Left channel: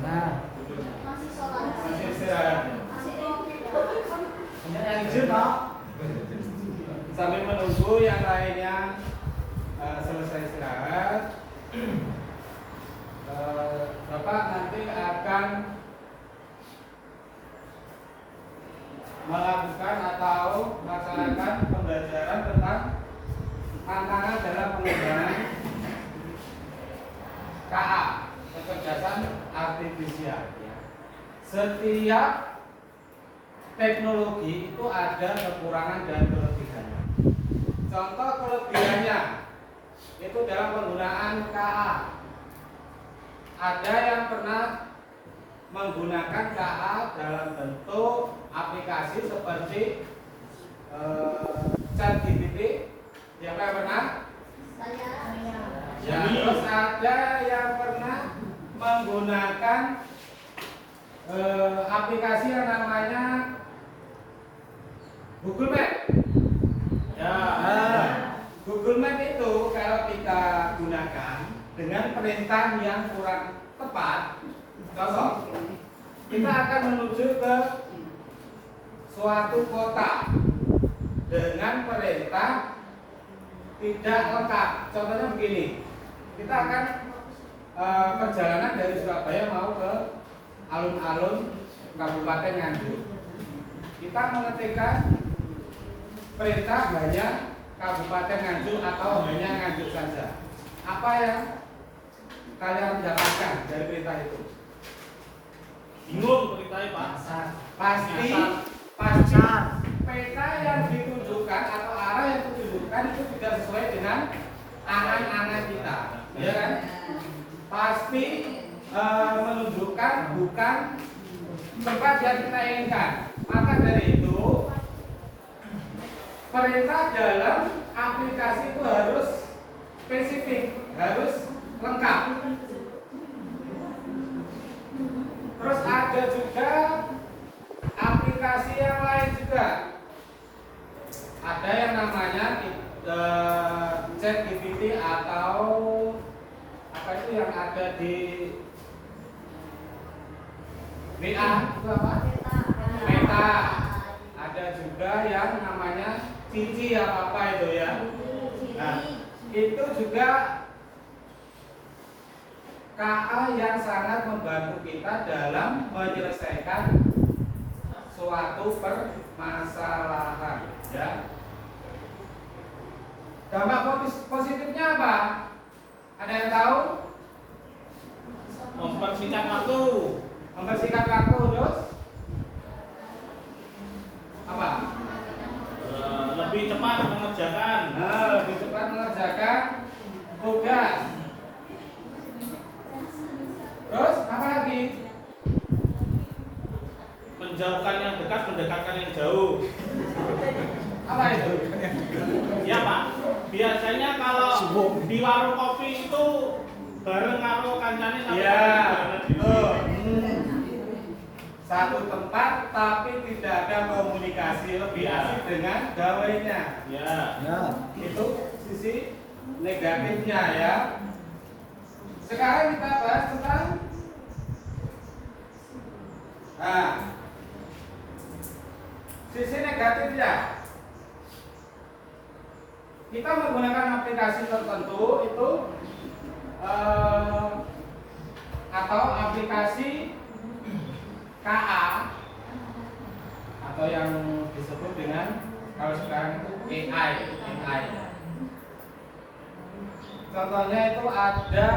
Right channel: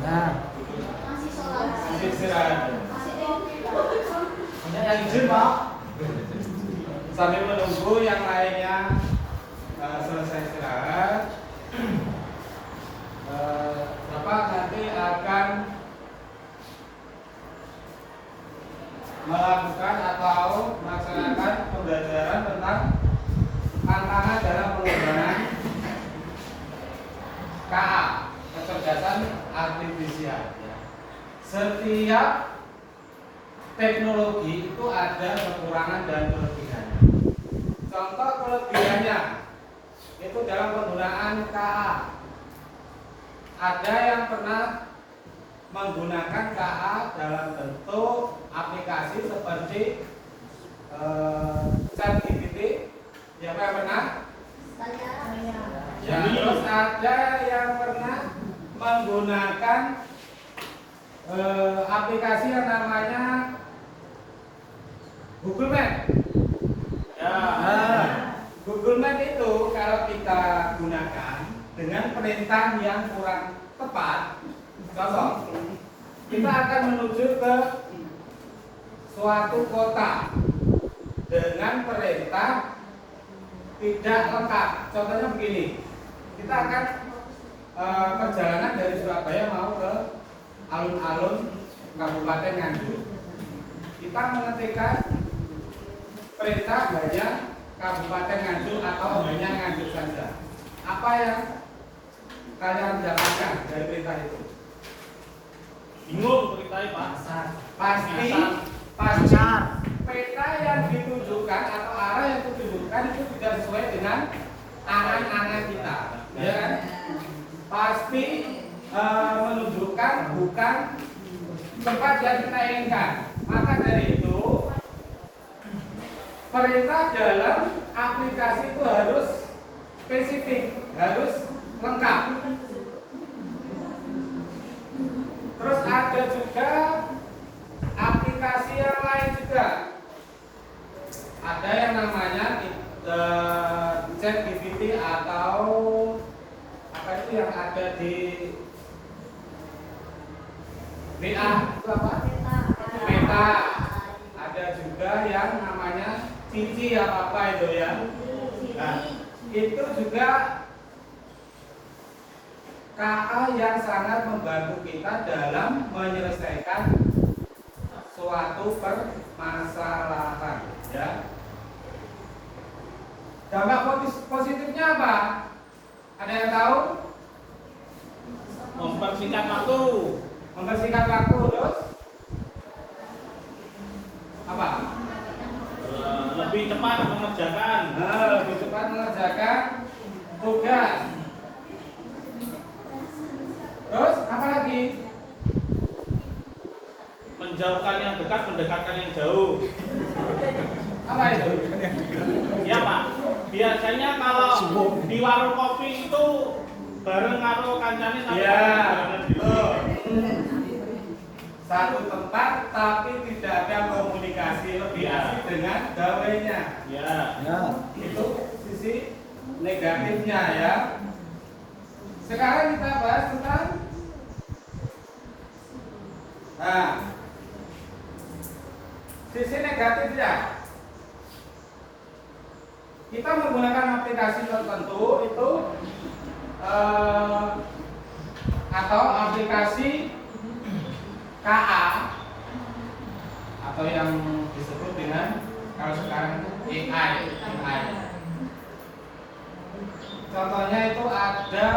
Nah, masih istirahat. yang izin Pak. Sambil menunggu yang lainnya selesai istirahat, Bapak nanti akan melakukan atau melaksanakan pembelajaran tentang tantangan dalam pengembangan KA, kecerdasan artifisial. Setiap teknologi itu ada kekurangan dan kelebihannya. Contoh kelebihannya itu dalam penggunaan KA. Ada yang pernah menggunakan KA dalam bentuk aplikasi seperti ChatGPT. Siapa yang pernah? Saya. Ya, terus ada yang pernah menggunakan aplikasi yang namanya Google Map. Ya, Google Map itu kalau kita gunakan dengan perintah yang kurang tepat, contoh, kita akan menuju ke suatu kota dengan perintah tidak lengkap. Contohnya begini, kita akan perjalanan dari Surabaya mau ke alun-alun Kabupaten Nganjuk. Kita mengetikkan perintah hanya Kabupaten Nganjuk atau hanya Nganjuk saja. Apa yang kalian dapatkan dari perintah itu? Bingung perintahnya Pak. Pasti peta yang ditunjukkan atau arah yang ditunjukkan itu tidak sesuai dengan angan-angan kita, ya kan? Pasti menunjukkan bukan tempat yang kita inginkan. Maka dari itu perintah dalam aplikasi itu harus spesifik, harus lengkap. Terus ada juga aplikasi yang lain juga. Ada yang namanya ChatGPT atau apa itu yang ada di WA itu apa? Meta. Ada juga yang namanya Cici yang apa itu ya? Nah, itu juga KA yang sangat membantu kita dalam menyelesaikan suatu permasalahan. Ya. Dampak positifnya apa? Ada yang tahu? Mempersingkat waktu. Membersihkan waktu, terus apa? Lebih cepat mengerjakan. Lebih cepat mengerjakan tugas. Terus apa lagi? Menjauhkan yang dekat, mendekatkan yang jauh. Apa itu? Ya Pak. Biasanya kalau di warung kopi itu bareng karo kancane tapi Ya, betul. Satu tempat tapi tidak ada komunikasi, lebih asik dengan gawainya. Ya. Itu sisi negatifnya ya. Sekarang kita bahas tentang sisi negatifnya. Kita menggunakan aplikasi tertentu itu atau aplikasi KA atau yang disebut dengan kalau sekarang itu AI. Contohnya itu ada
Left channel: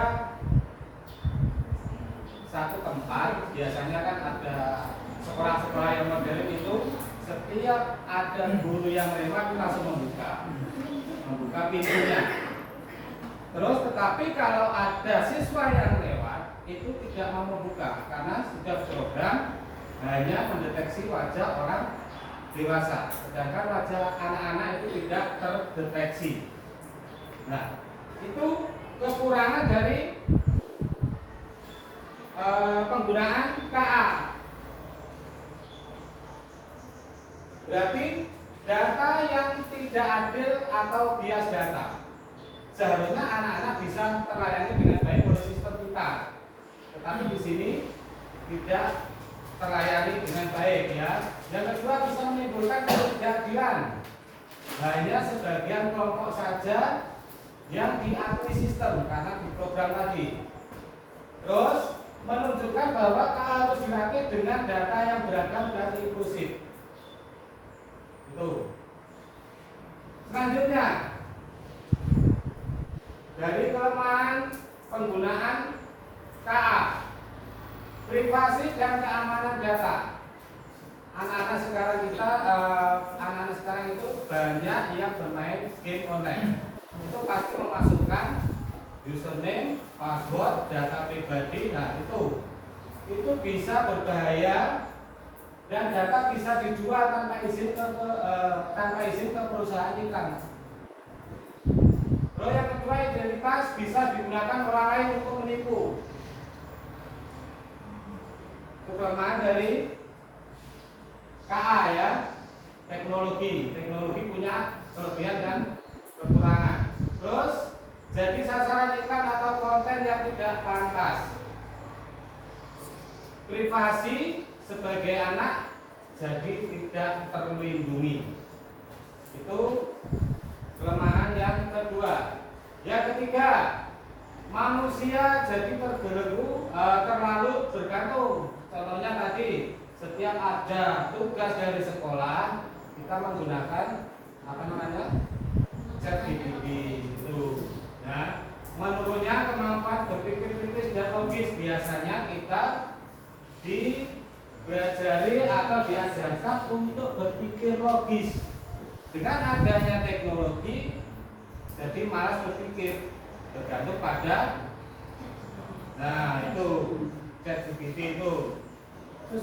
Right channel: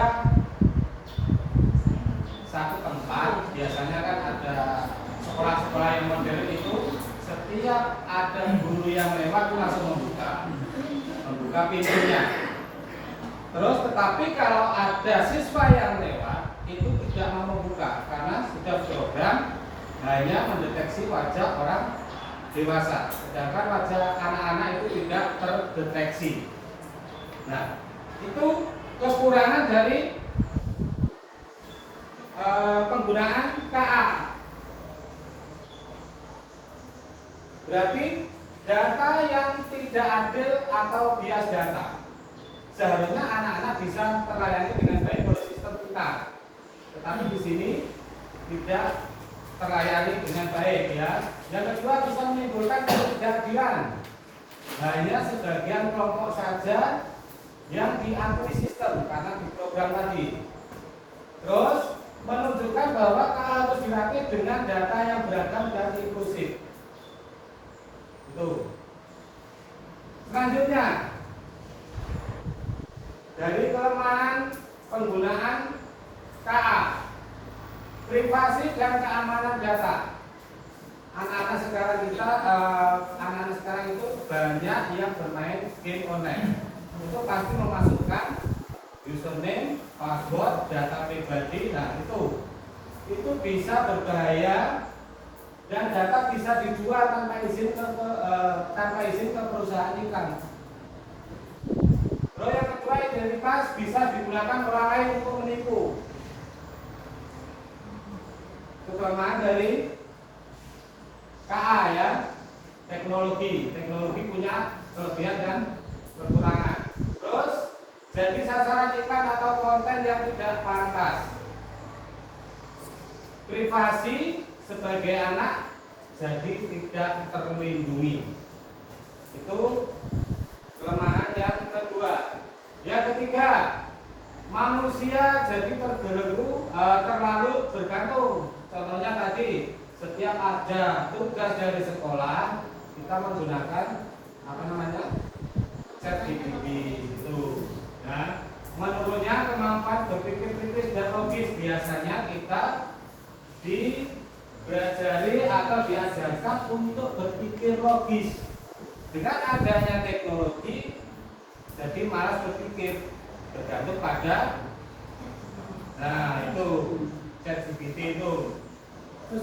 satu tempat, biasanya kan ada sekolah-sekolah yang modern itu setiap ada guru yang lewat itu langsung membuka pintunya. Terus tetapi kalau ada siswa yang lewat itu tidak mau membuka karena sudah program hanya mendeteksi wajah orang dewasa, sedangkan wajah anak-anak itu tidak terdeteksi. Nah, itu kekurangan dari penggunaan KA. Berarti data yang tidak adil atau bias data. Seharusnya anak-anak bisa terlayani dengan baik oleh sistem kita. Tetapi di sini tidak terlayani dengan baik ya. Yang kedua bisa menimbulkan ketidakadilan. Nah ini sebagian kelompok saja yang diakui sistem karena diprogram tadi. Terus menunjukkan bahwa harus dirakit dengan data yang beragam dan inklusif. Itu. Selanjutnya dari kelemahan penggunaan KA, privasi dan keamanan data. Anak-anak sekarang itu banyak yang bermain game online. Itu pasti memasukkan username, password, data pribadi. Nah itu bisa berbahaya dan data bisa dijual tanpa izin ke perusahaan iklan. Lalu yang kedua, identitas bisa digunakan orang lain untuk menipu. Itu kelemahan dari KA ya, teknologi punya kelebihan dan kekurangan. Terus jadi sasaran iklan atau konten yang tidak pantas. Privasi sebagai anak jadi tidak terlindungi. Itu kelemahan yang kedua. Yang ketiga, manusia jadi terlalu bergantung. Contohnya tadi, setiap ada tugas dari sekolah, kita menggunakan ChatGPT itu. Nah, menurutnya kemampuan berpikir kritis dan logis biasanya kita diajari atau diajarkan untuk berpikir logis. Dengan adanya teknologi, jadi malas berpikir, tergantung pada, nah itu ChatGPT itu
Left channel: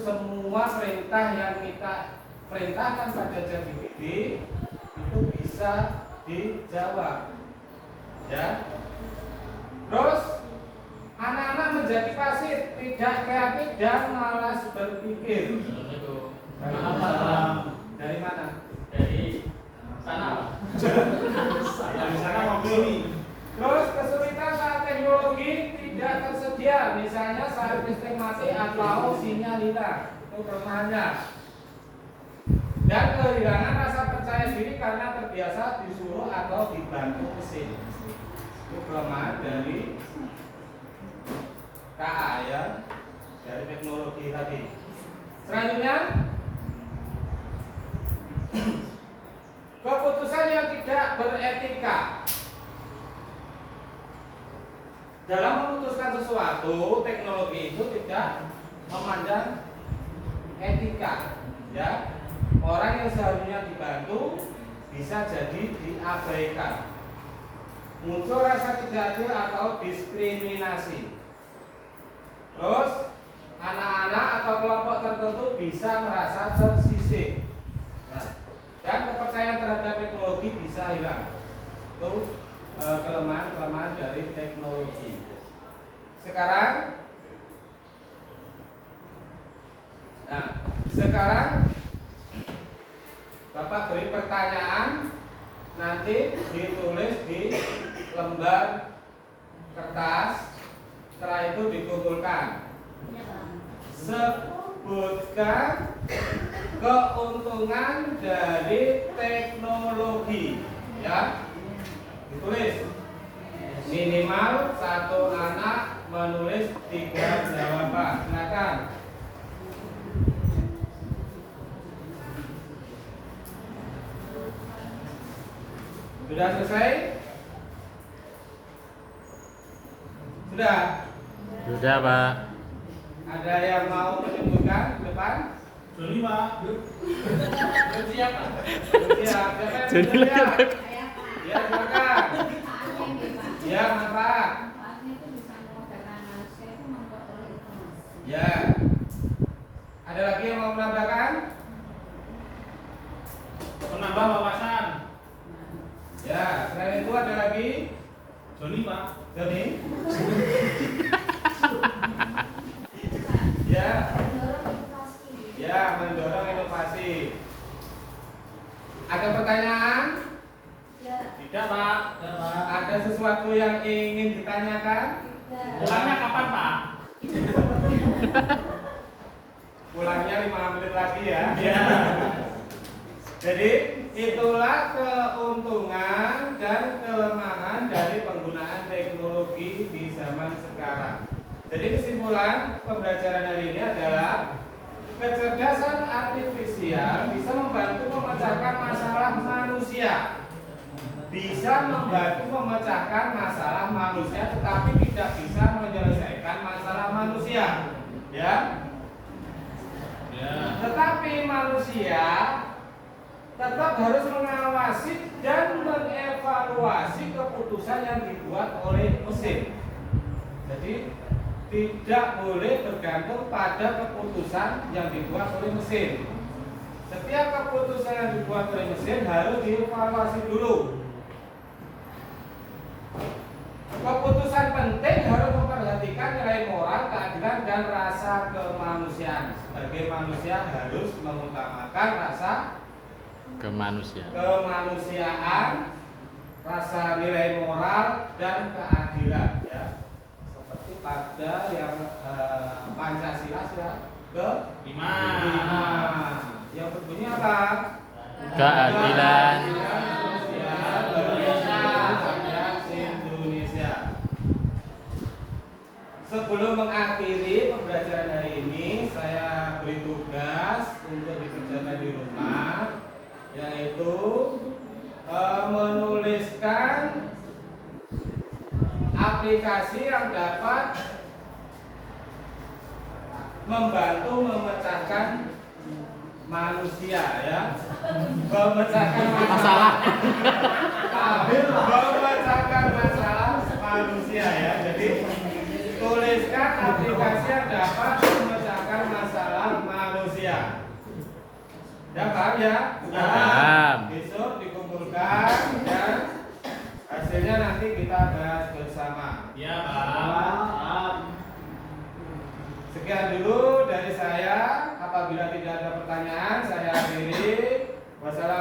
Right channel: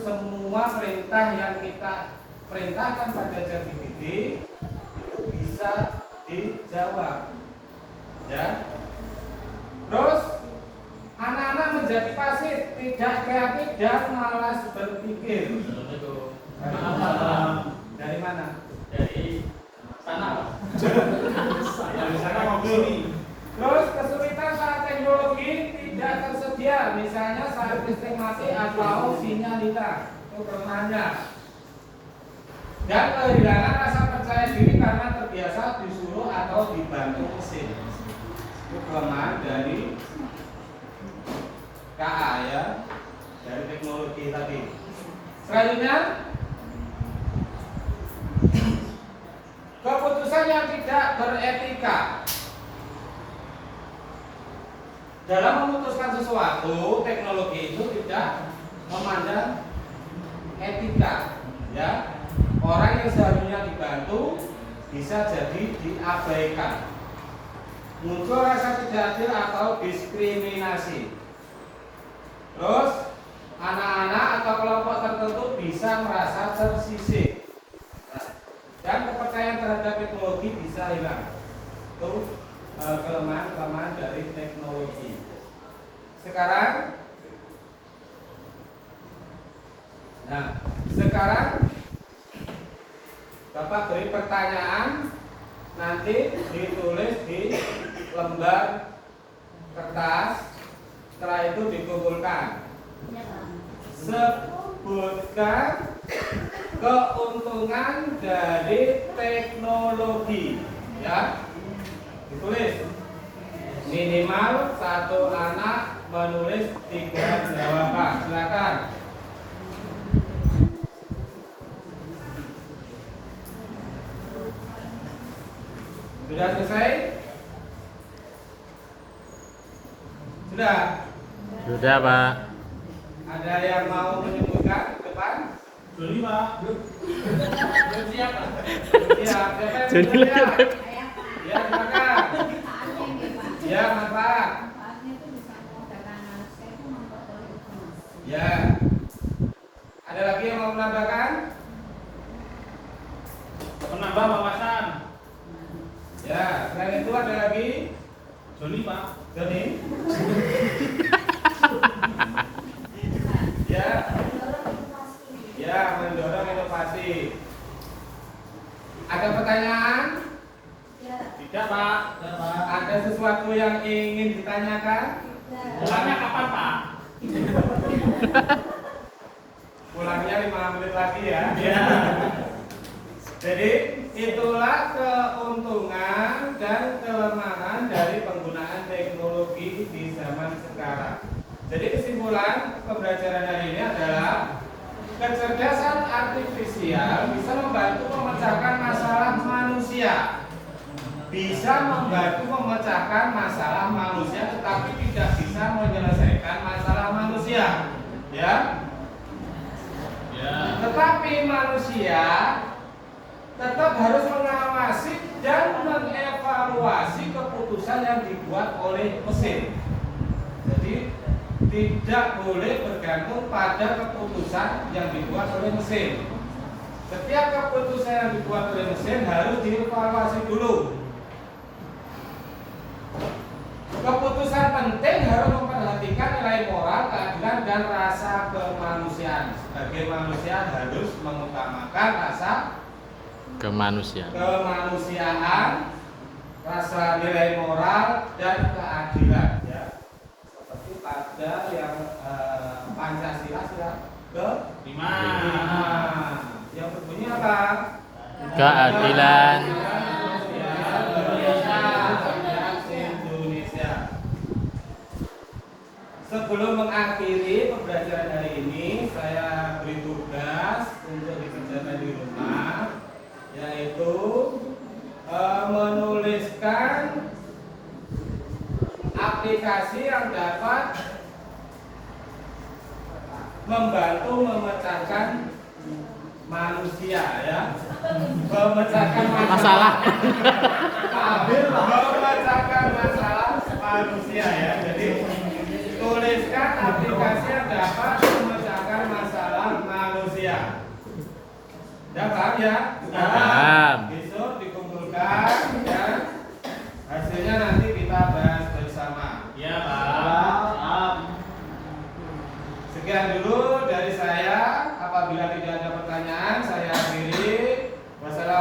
semua perintah yang kita perintahkan pada ChatGPT itu bisa dijawab, ya. Terus anak-anak menjadi pasif, tidak kreatif dan malas berpikir. Dari mana? Dari sana. Dari sana mau beli. Terus kesulitan saat teknologi tidak tersedia, misalnya saat listrik mati atau sinyal hilang, itu kelemahannya. Dan kehilangan rasa percaya diri karena terbiasa disuruh atau dibantu mesin. Itu kelemahan dari KA ya, dari teknologi tadi. Selanjutnya, keputusan yang tidak beretika. Dalam memutuskan sesuatu, teknologi itu tidak memandang etika, ya. Orang yang seharusnya dibantu bisa jadi diabaikan. Muncul rasa tidak adil atau diskriminasi. Terus anak-anak atau kelompok tertentu bisa merasa tersisih, dan kepercayaan terhadap teknologi bisa hilang. Itu kelemahan dari teknologi. Sekarang Bapak beri pertanyaan, nanti ditulis di lembar kertas, setelah itu dikumpulkan. Sebutkan keuntungan dari teknologi, ya. Ditulis minimal satu anak menulis 3 jawaban. Silakan. Sudah selesai? Sudah? Sudah, Pak. Ada yang mau menyebutkan depan? Joni, Pak. Siap. Joni Ya, silakan. Ya, manfaat. Ya. Ada lagi yang mau menambahkan? Menambah wawasan. Ya, selain itu ada lagi? Joni, Pak. Joni? Ya. Ya, mendorong inovasi. Ada pertanyaan? Tidak, Pak. Ada sesuatu yang ingin ditanyakan? Pulangnya kapan, Pak? Ya. Jadi itulah keuntungan dan kelemahan dari penggunaan teknologi di zaman sekarang. Jadi kesimpulan pembelajaran hari ini adalah kecerdasan artifisial bisa membantu memecahkan masalah manusia. Bisa membantu memecahkan masalah manusia, tetapi tidak bisa menyelesaikan masalah manusia. Ya. Ya. Tetapi manusia tetap harus mengawasi dan mengevaluasi keputusan yang dibuat oleh mesin. Jadi tidak boleh bergantung pada keputusan yang dibuat oleh mesin. Setiap keputusan yang dibuat oleh mesin harus dievaluasi dulu. Keputusan penting harus memperhatikan nilai moral, keadilan, dan rasa kemanusiaan. Sebagai manusia harus mengutamakan rasa kemanusiaan, rasa nilai moral, dan keadilan. Ya. Seperti pada yang Pancasila ke-5. Yang berbunyi apa? Keadilan. Indonesia. Sebelum mengakhiri pembelajaran hari ini, saya beri tugas untuk dikerjakan di rumah, yaitu menuliskan aplikasi yang dapat membantu memecahkan manusia, ya, memecahkan masalah, memecahkan masalah manusia, ya. Jadi tuliskan aplikasi yang dapat memecahkan masalah manusia. Ya, paham ya? Paham. Besok dikumpulkan dan hasilnya nanti kita bahas bersama. Ya, Pak. Sekian dulu dari saya. Apabila tidak ada pertanyaan, saya akhiri. Wassalamualaikum